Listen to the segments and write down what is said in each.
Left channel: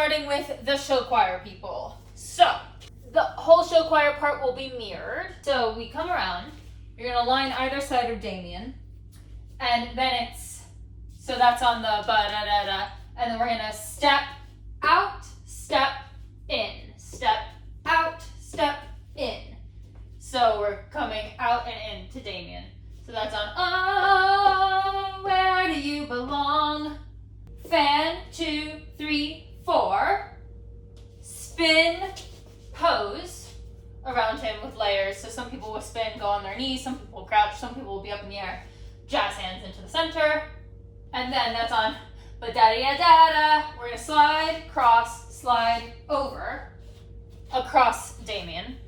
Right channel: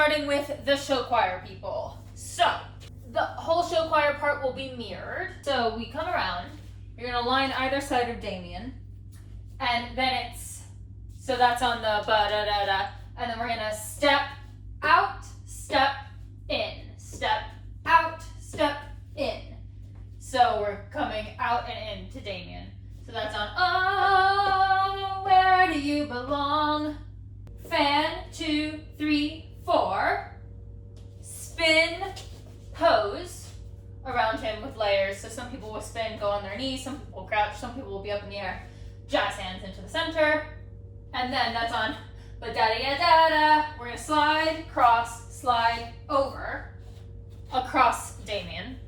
starting with the show choir people. So, the whole show choir part will be mirrored. So we come around, you're gonna line either side of Damien, and then so that's on the ba-da-da-da, and then we're gonna step out, step in, step out, step in. So we're coming out and in to Damien. So that's on, oh, where do you belong? Fan, 2, 3, 4. Spin, pose around him with layers. So some people will spin, go on their knees, some people will crouch, some people will be up in the air. Jazz hands into the center. And then that's on, but da-da-da-da-da. We're gonna slide, cross, slide, over, across Damien.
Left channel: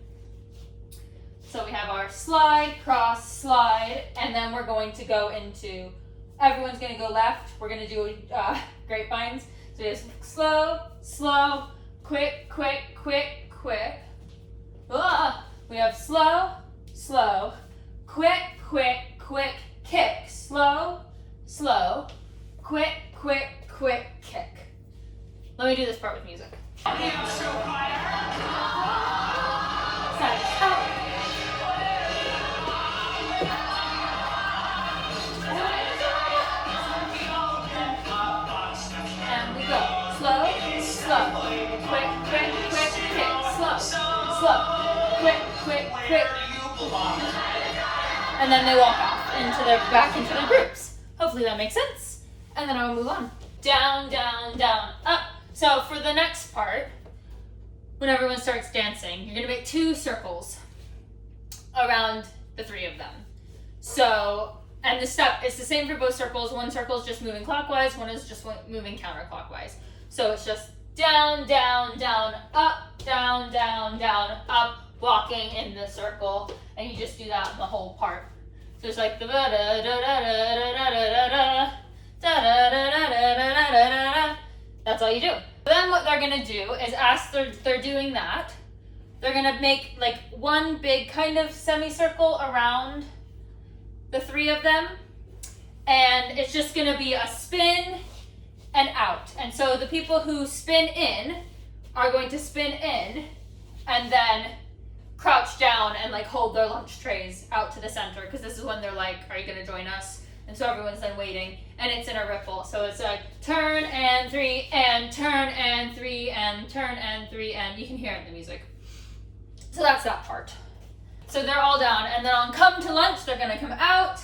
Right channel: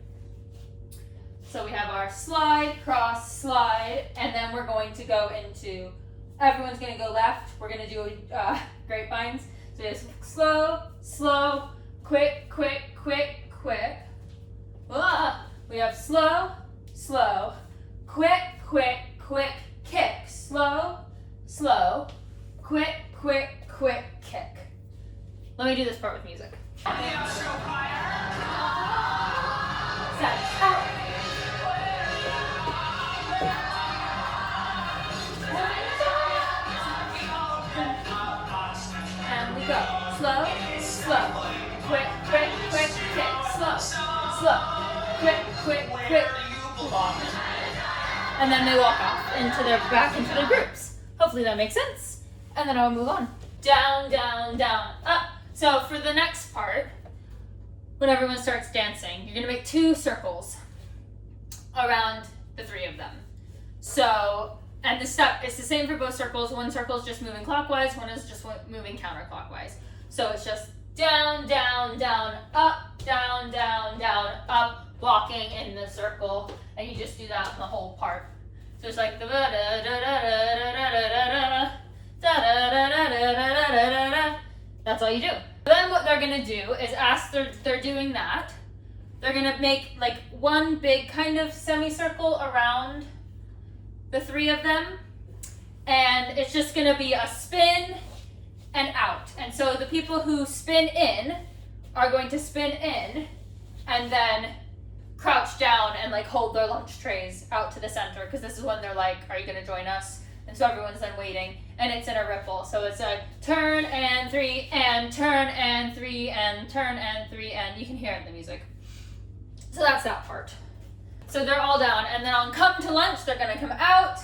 So we have our slide, cross, slide, and then we're going to go into, everyone's gonna go left. We're gonna do grapevines. So just slow, slow, quick, quick, quick, quick. We have slow, slow, quick, quick, quick, kick. Slow, slow, quick, quick, quick, kick. Let me do this part with music. Side out. And we go. Slow, slow, quick, quick, quick, kick. Slow, slow, quick, quick, quick. And then they walk off back into their groups. Hopefully that makes sense. And then I'll move on. Down, down, down, up. So for the next part, when everyone starts dancing, you're gonna make 2 circles around the 3 of them. So, and the step, it's the same for both circles. One circle is just moving clockwise, one is just moving counterclockwise. So it's just down, down, down, up, down, down, down, up, walking in the circle. And you just do that in the whole part. So it's like the that's all you do. Then what they're gonna do is, as they're doing that, they're gonna make like one big kind of semicircle around the 3 of them, and it's just gonna be a spin and out. And so the people who spin in are going to spin in and then crouch down and like hold their lunch trays out to the center, because this is when they're like, are you gonna join us? And so everyone's then waiting, and it's in a ripple. So it's a turn and 3 and turn and 3 and turn and 3, and you can hear it in the music. So that's that part. So they're all down, and then on come to lunch, they're gonna come out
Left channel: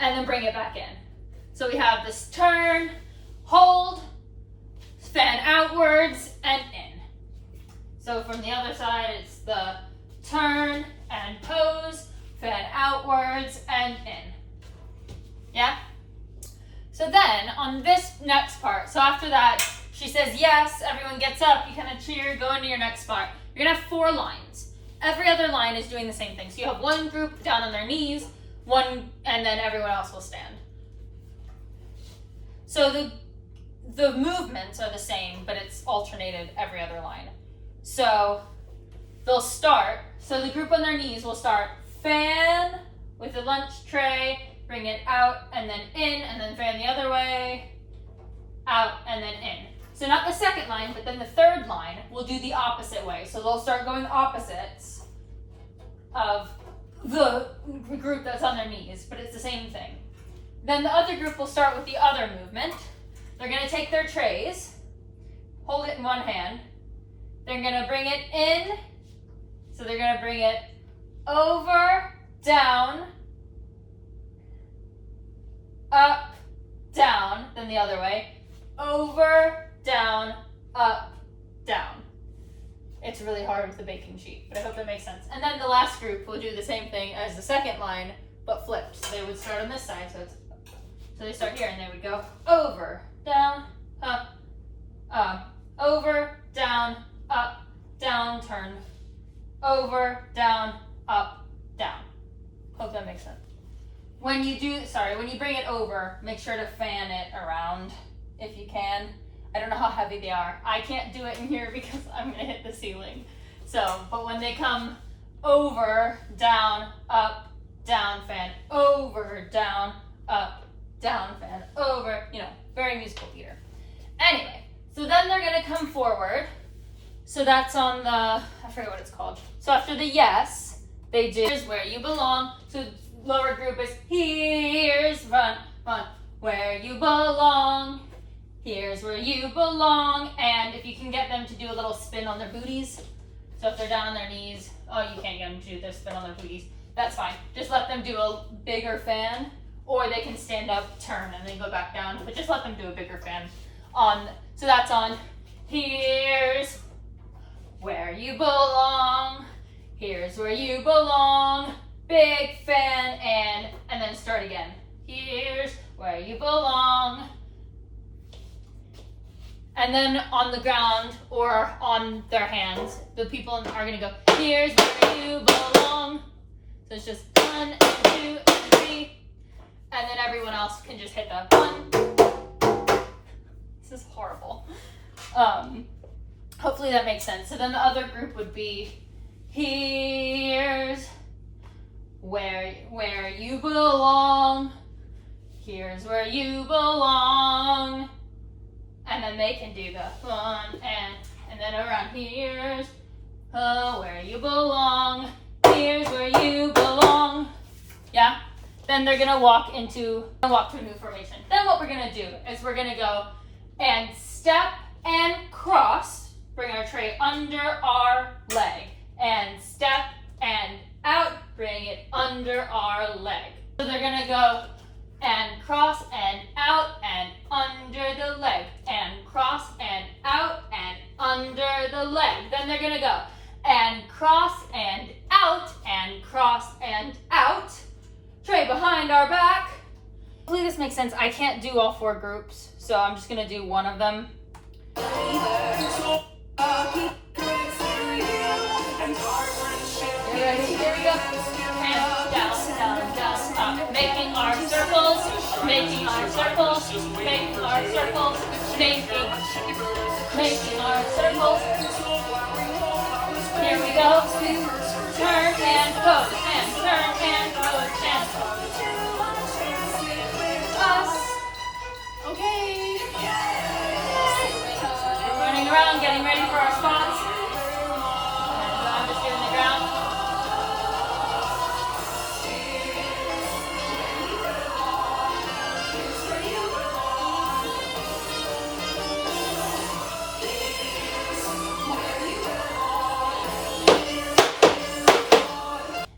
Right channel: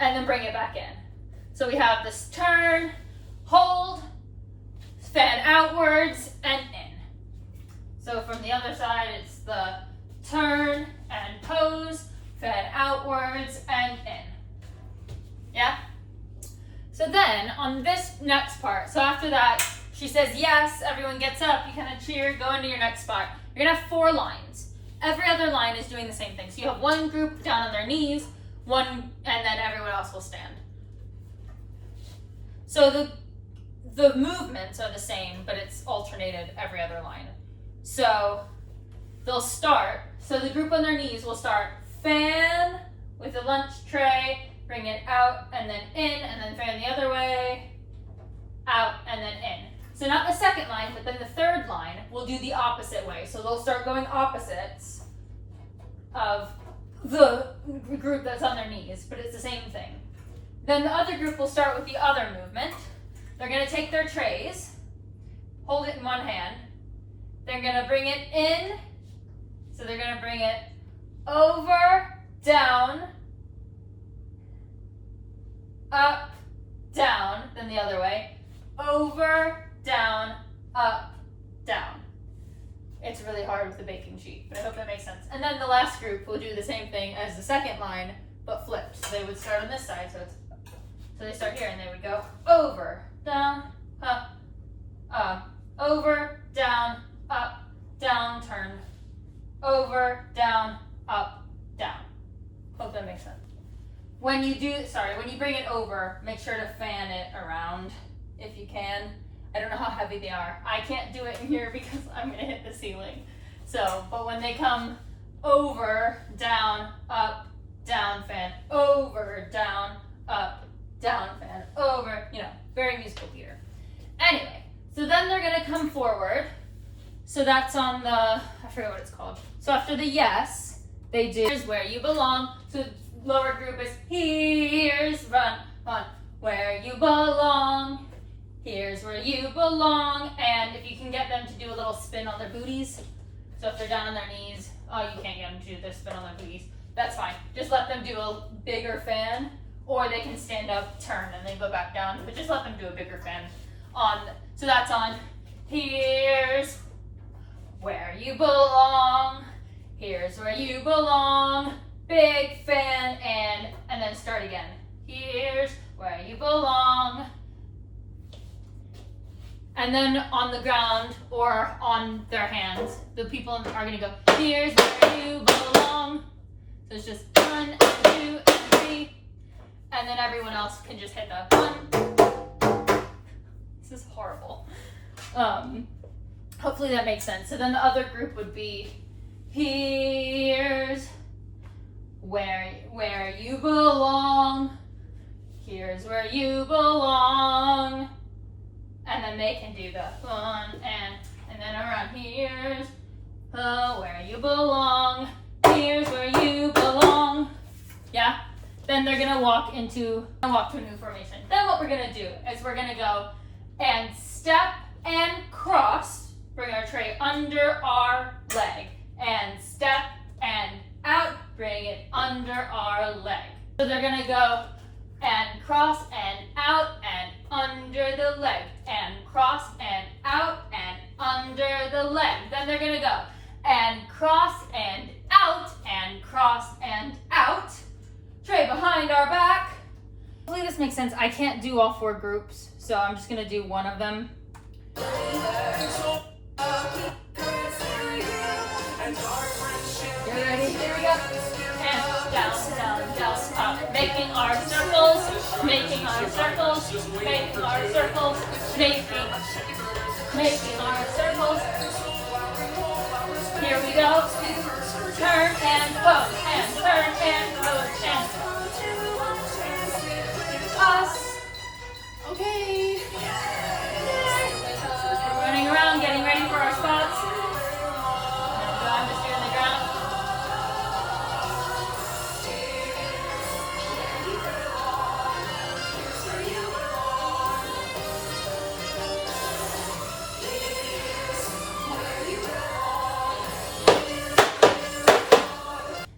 and then bring it back in. So we have this turn, hold, fan outwards, and in. So from the other side, it's the turn and pose, fan outwards, and in. Yeah? So then, on this next part, so after that, she says yes, everyone gets up, you kind of cheer, go into your next spot. You're gonna have 4 lines. Every other line is doing the same thing. So you have one group down on their knees, and then everyone else will stand. So the movements are the same, but it's alternated every other line. So they'll start, so the group on their knees will start fan with the lunch tray, bring it out and then in, and then fan the other way, out and then in. So not the second line, but then the third line will do the opposite way. So they'll start going opposites of the group that's on their knees, but it's the same thing. Then the other group will start with the other movement. They're gonna take their trays, hold it in one hand. They're gonna bring it in, so they're gonna bring it over, down, up, down, then the other way, over, down, up, down. It's really hard with the baking sheet, but I hope that makes sense. And then the last group will do the same thing as the second line, but flipped. So they would start on this side, so they start here, and they would go over, down, up, over, down, up, down, turn, over, down, up, down. Hope that makes sense. When you bring it over, make sure to fan it around if you can. I don't know how heavy they are. I can't do it in here because I'm gonna hit the ceiling. So, but when they come over, down, up, down, fan, over, down, up, down, fan, over, very musical theater. Anyway, so then then they're gonna come forward. So that's on the, I forget what it's called. So after the yes, they do, here's where you belong. So lower group is here's run, run, where you belong. Here's where you belong. And if you can get them to do a little spin on their booties. So if they're down on their knees, oh, you can't get them to do their spin on their booties. That's fine. Just let them do a bigger fan, or they can stand up, turn, and then go back down. But just let them do a bigger fan. So that's on here's where you belong. Here's where you belong. Big fan, and then start again. Here's where you belong. And then on the ground or on their hands, the people are going to go, here's where you belong. So it's just 1 and 2 and 3. And then everyone else can just hit the 1. This is horrible. Hopefully that makes sense. So then the other group would be, here's where you belong. Here's where you belong. And then they can do the 1 and then around here's where you belong. Here's where you belong. Yeah? Then they're gonna walk to a new formation. Then what we're gonna do is we're gonna go and step and cross. Bring our tray under our leg. And step and out. Bring it under our leg. So they're gonna go and cross and out and under the leg. And cross and out and under the leg. Then they're gonna go and cross and out and cross and out. Tray behind our back. Hopefully this makes sense. I can't do all 4 groups, so I'm just gonna do one of them. Ready? Here we go. And down, down, down, up. Making our circles, making our circles, making our circles, making our circles. Here we go. Turn and pose, and turn and pose, and us. Okay. We're running around, getting ready for our spots. And I'm just doing the ground.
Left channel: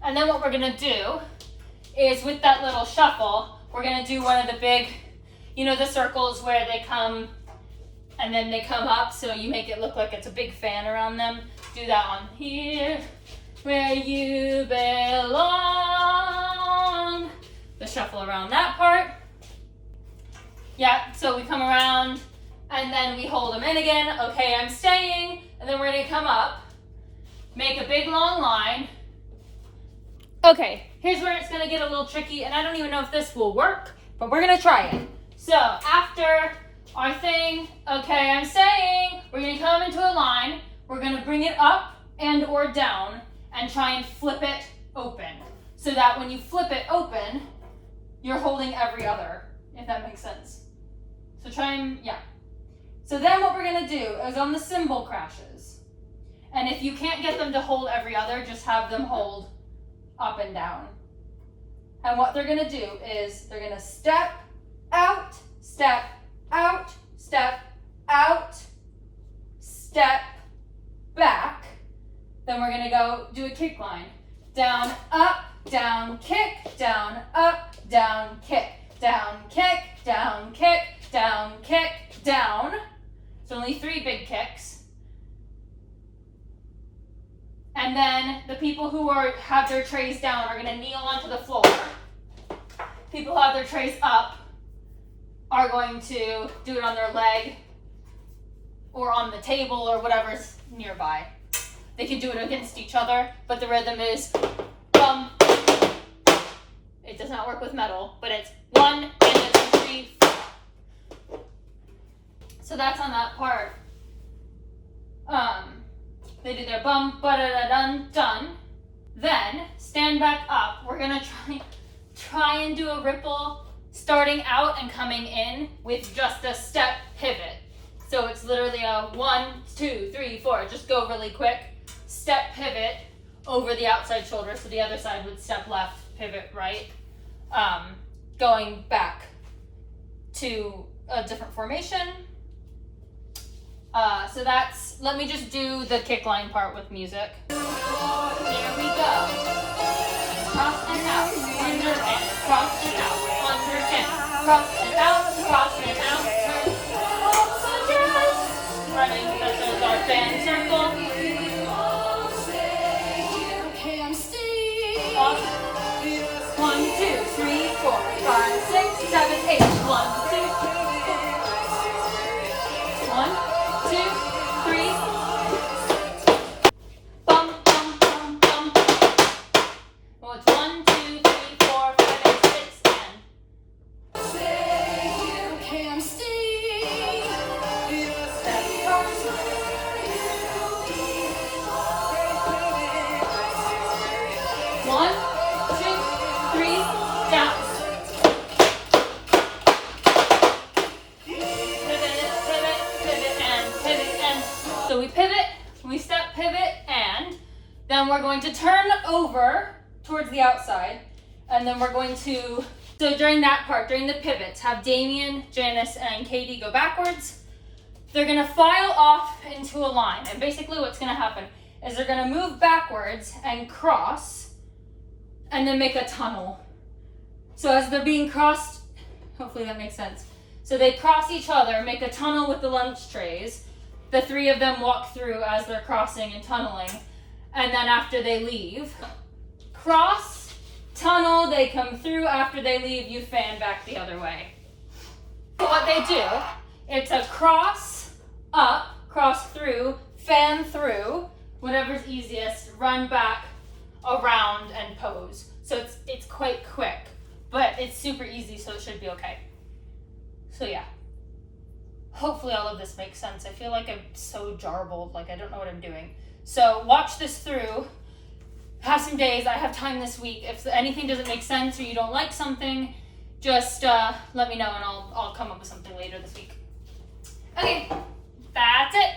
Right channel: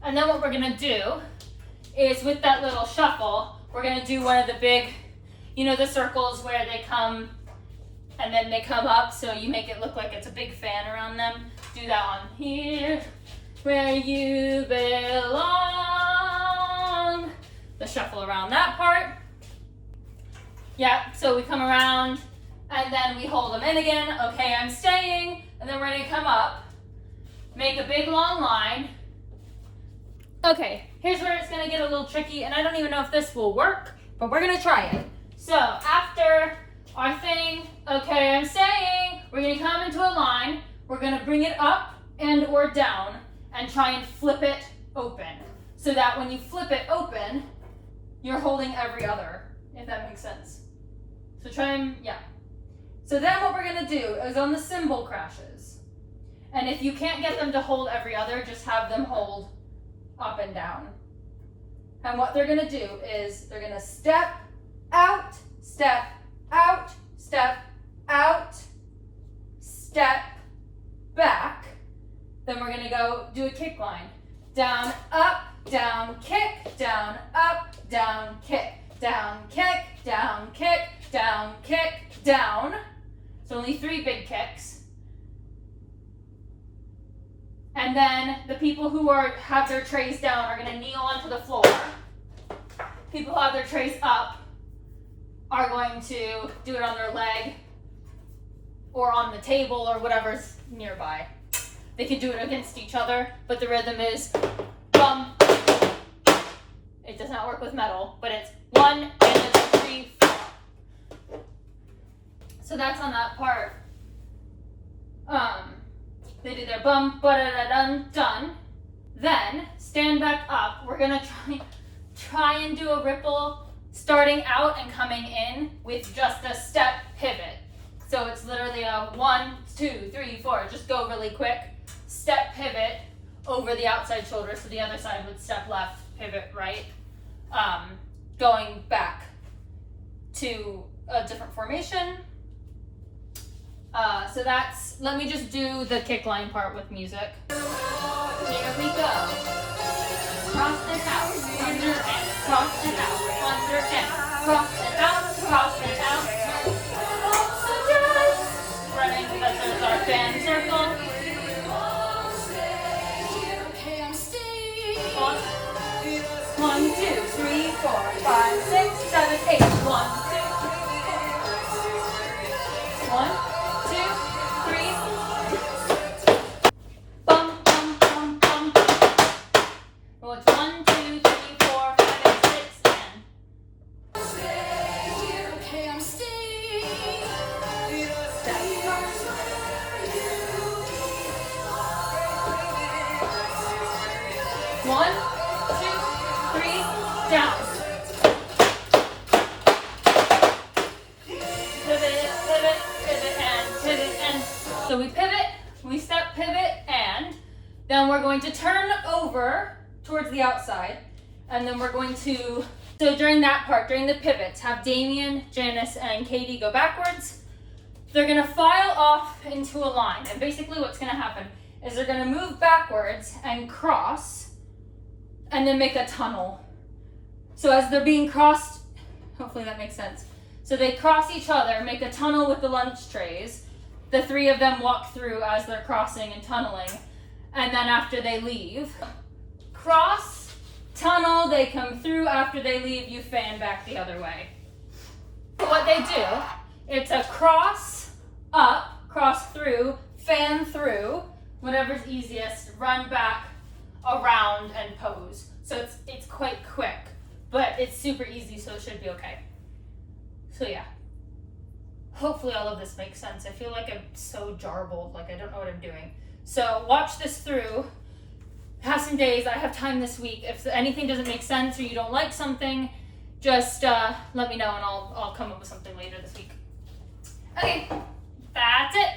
And then what we're gonna do is with that little shuffle, we're gonna do one of the big, the circles where they come and then they come up, so you make it look like it's a big fan around them. Do that on here, where you belong. The shuffle around that part. Yeah, so we come around and then we hold them in again. Okay, I'm staying. And then we're gonna come up, make a big long line. Okay, here's where it's gonna get a little tricky, and I don't even know if this will work, but we're gonna try it. So after our thing, okay, I'm staying, we're gonna come into a line, we're gonna bring it up and or down, and try and flip it open. So that when you flip it open, you're holding every other, if that makes sense. So yeah. So then what we're gonna do is on the cymbal crashes. And if you can't get them to hold every other, just have them hold up and down. And what they're gonna do is they're gonna step out, step out, step out, step back. Then we're gonna go do a kick line. Down, up, down, kick, down, up, down, kick, down, kick, down, kick, down, kick, down. So only 3 big kicks. And then the people who have their trays down are gonna kneel onto the floor. People who have their trays up are going to do it on their leg or on the table or whatever's nearby. They can do it against each other, but the rhythm is bum. It does not work with metal, but it's 1 and then 3, 4. So that's on that part. They do their bum, ba-da-da-dun, done. Then, stand back up. We're gonna try and do a ripple starting out and coming in with just a step pivot. So it's literally a 1, 2, 3, 4. Just go really quick. Step pivot over the outside shoulder. So the other side would step left, pivot right. Going back to a different formation. So that's, let me just do the kick line part with music. Here we go. Cross and out, under and cross and out, under and cross and out, cross and out. Running, this is our fan circle. On. 1, 2, 3, 4, 5, 6, 7, 8. 1, 2, 3. Bum, bum, bum, bum. Well, it's 1, 2, 3, 4, 5, 6, and. Step cross. 1, 2, 3, down. Pivot, pivot, pivot, and. So we pivot, we step pivot, and then we're going to turn over towards the outside, and then we're going to, so during that part, during the pivots, have Damien, Janice, and Katie go backwards. They're gonna file off into a line, and basically what's gonna happen is they're gonna move backwards and cross, and then make a tunnel. So as they're being crossed, hopefully that makes sense. So they cross each other, make a tunnel with the lunch trays. The three of them walk through as they're crossing and tunneling. And then after they leave, cross, tunnel, they come through. After they leave, you fan back the other way. So what they do, it's a cross, up, cross through, fan through, whatever's easiest, run back, around, and pose. So it's quite quick, but it's super easy, so it should be okay. So yeah, hopefully all of this makes sense. I feel like I'm so jarbled, like I don't know what I'm doing. So watch this through, have some days, I have time this week. If anything doesn't make sense or you don't like something, just let me know and I'll come up with something later this week. Okay, that's it.